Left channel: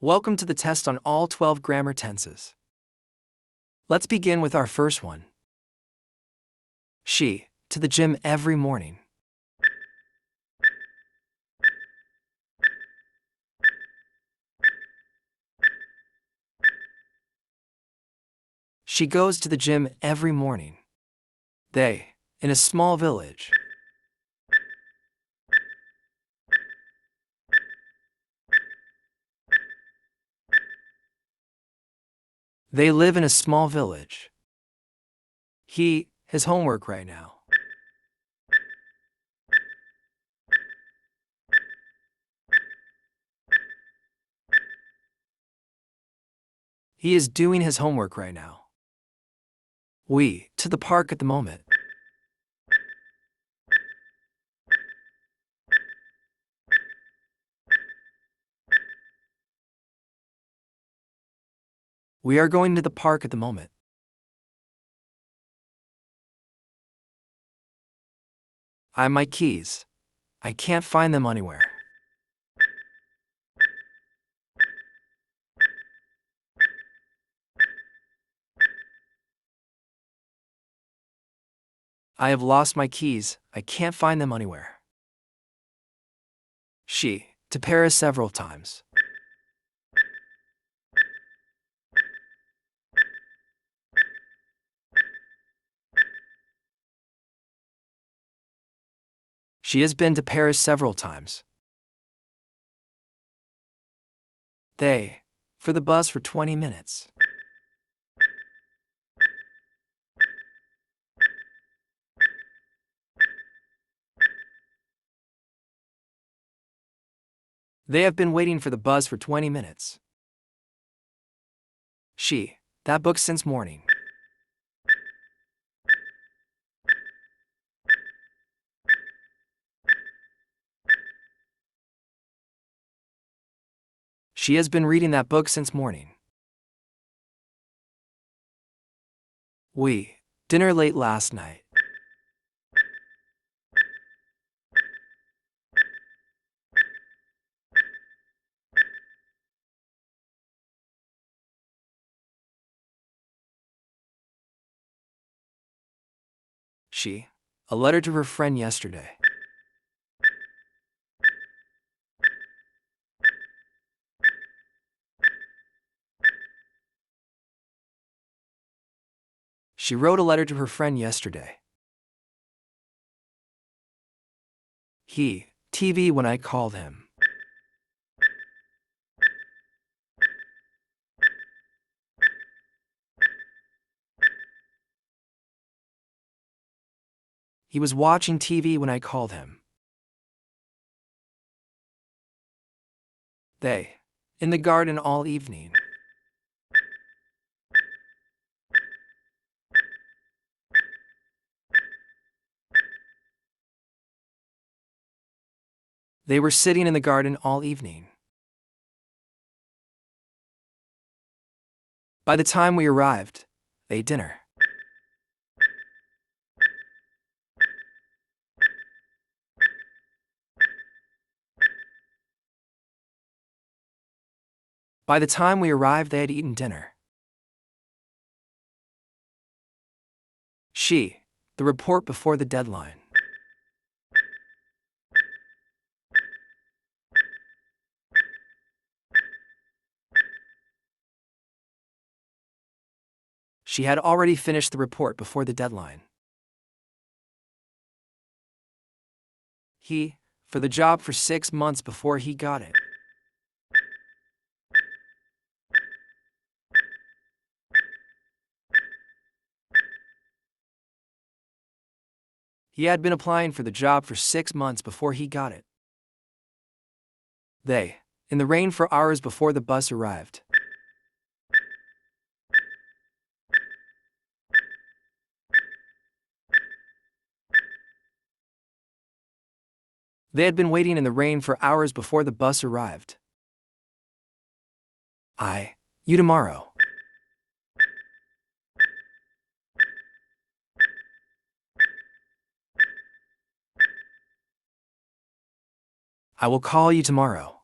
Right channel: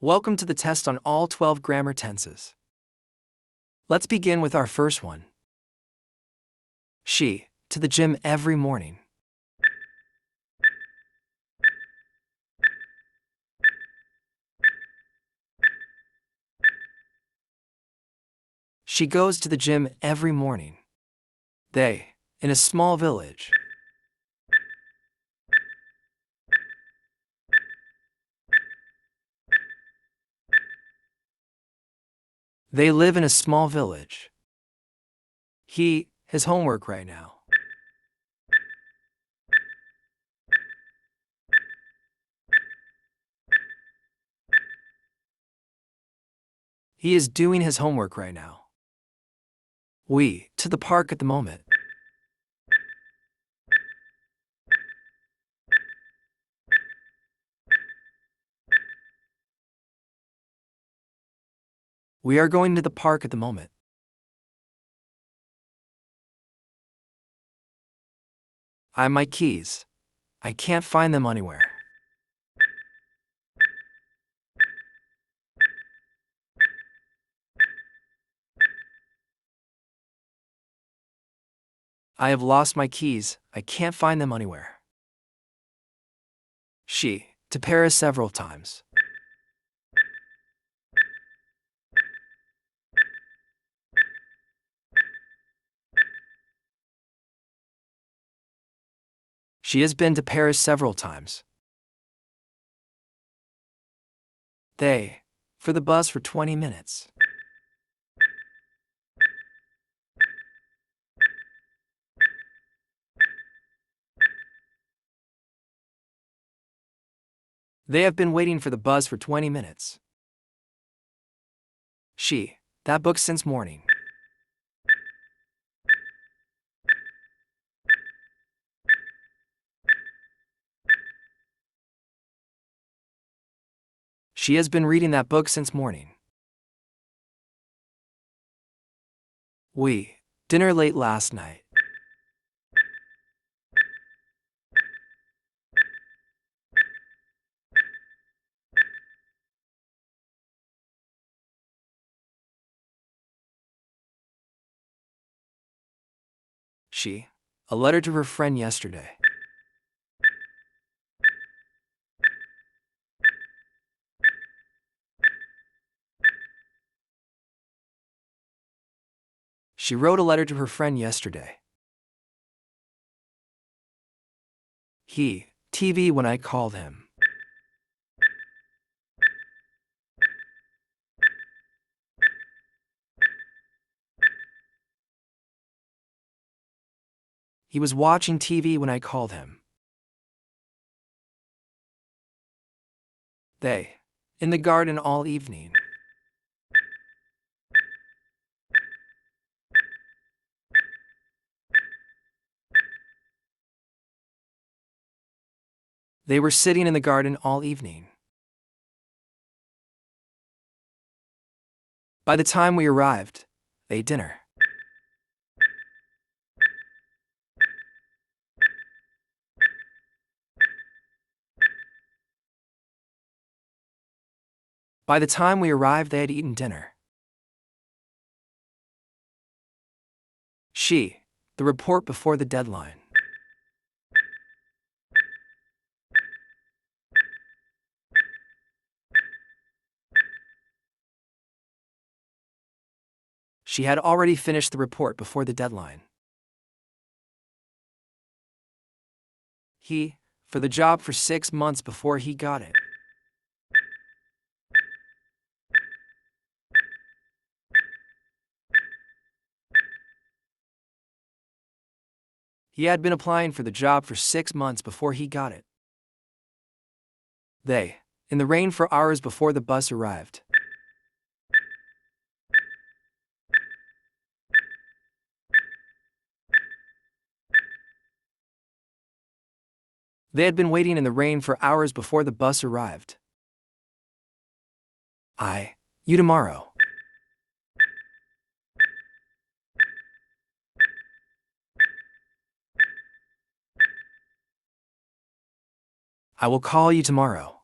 Welcome to the test on all 12 grammar tenses. Let's begin with our first one. She, to the gym every morning. She goes to the gym every morning. They, in a small village. They live in a small village. He, his homework right now. He is doing his homework right now. We, to the park at the moment. We are going to the park at the moment. I have my keys. I can't find them anywhere. I have lost my keys. I can't find them anywhere. She, to Paris several times. She has been to Paris several times. They, for the bus for 20 minutes. They have been waiting for the bus for 20 minutes. She, that book since morning. She has been reading that book since morning. We, dinner late last night. She, a letter to her friend yesterday. She wrote a letter to her friend yesterday. He, TV when I called him. He was watching TV when I called him. They, in the garden all evening. They were sitting in the garden all evening. By the time we arrived, they ate dinner. By the time we arrived, they had eaten dinner. She, the report before the deadline. She had already finished the report before the deadline. He, for the job for 6 months before he got it. He had been applying for the job for 6 months before he got it. They, in the rain for hours before the bus arrived. They had been waiting in the rain for hours before the bus arrived. You tomorrow. I will call you tomorrow.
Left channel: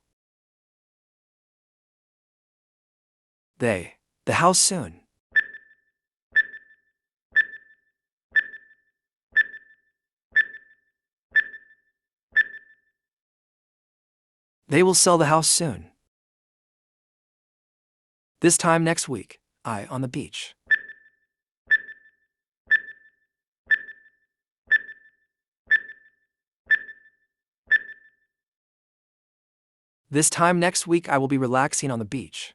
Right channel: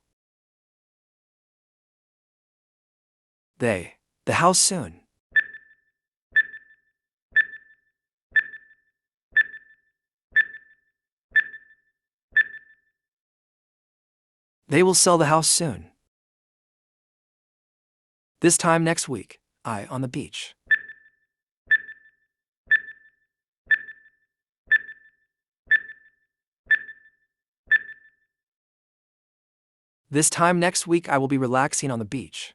The house soon. They will sell the house soon. This time next week, on the beach. This time next week I will be relaxing on the beach.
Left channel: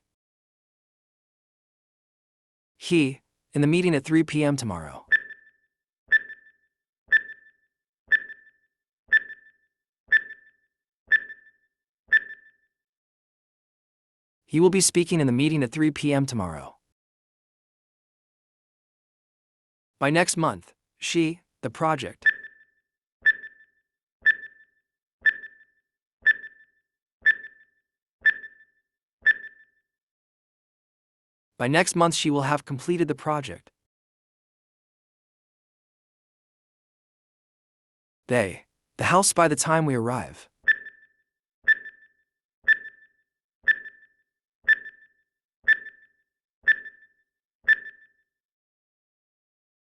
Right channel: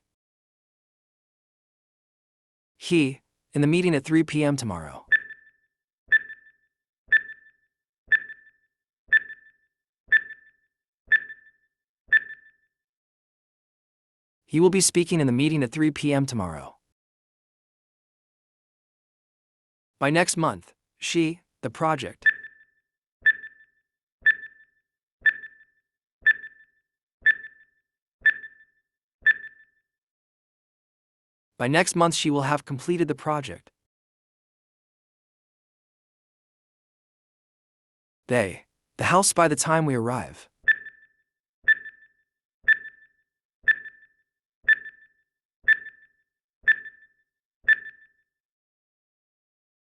He, in the meeting at 3 p.m. tomorrow. He will be speaking in the meeting at 3 p.m. tomorrow. By next month, she, the project. By next month she will have completed the project. The house by the time we arrive.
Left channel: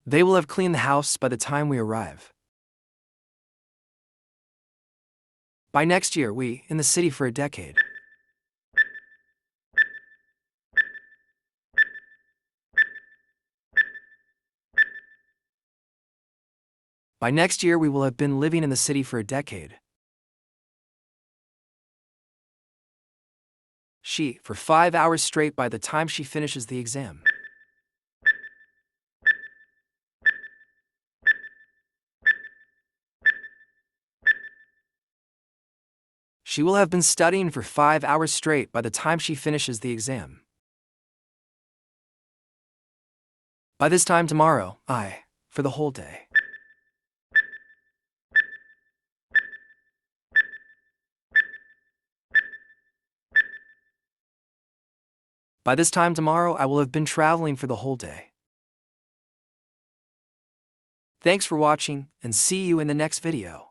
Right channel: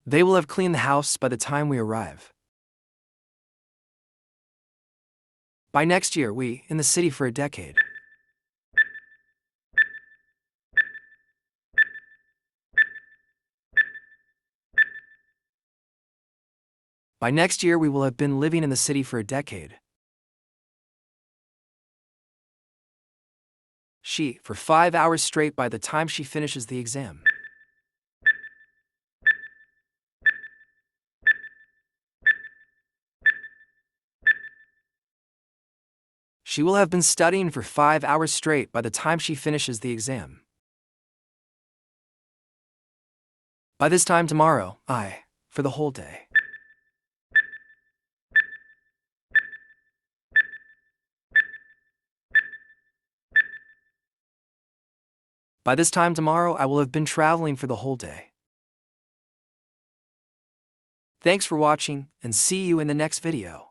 They will have cleaned the house by the time we arrive. By next year we, in the city for a decade. By next year we will have been living in the city for a decade. She, for 5 hours straight by the time she finishes the exam. She will have been studying for 5 hours straight by the time she finishes the exam. By this time tomorrow, for the whole day. By this time tomorrow, I will have been traveling for the whole day. Thanks for watching, and see you in the next video.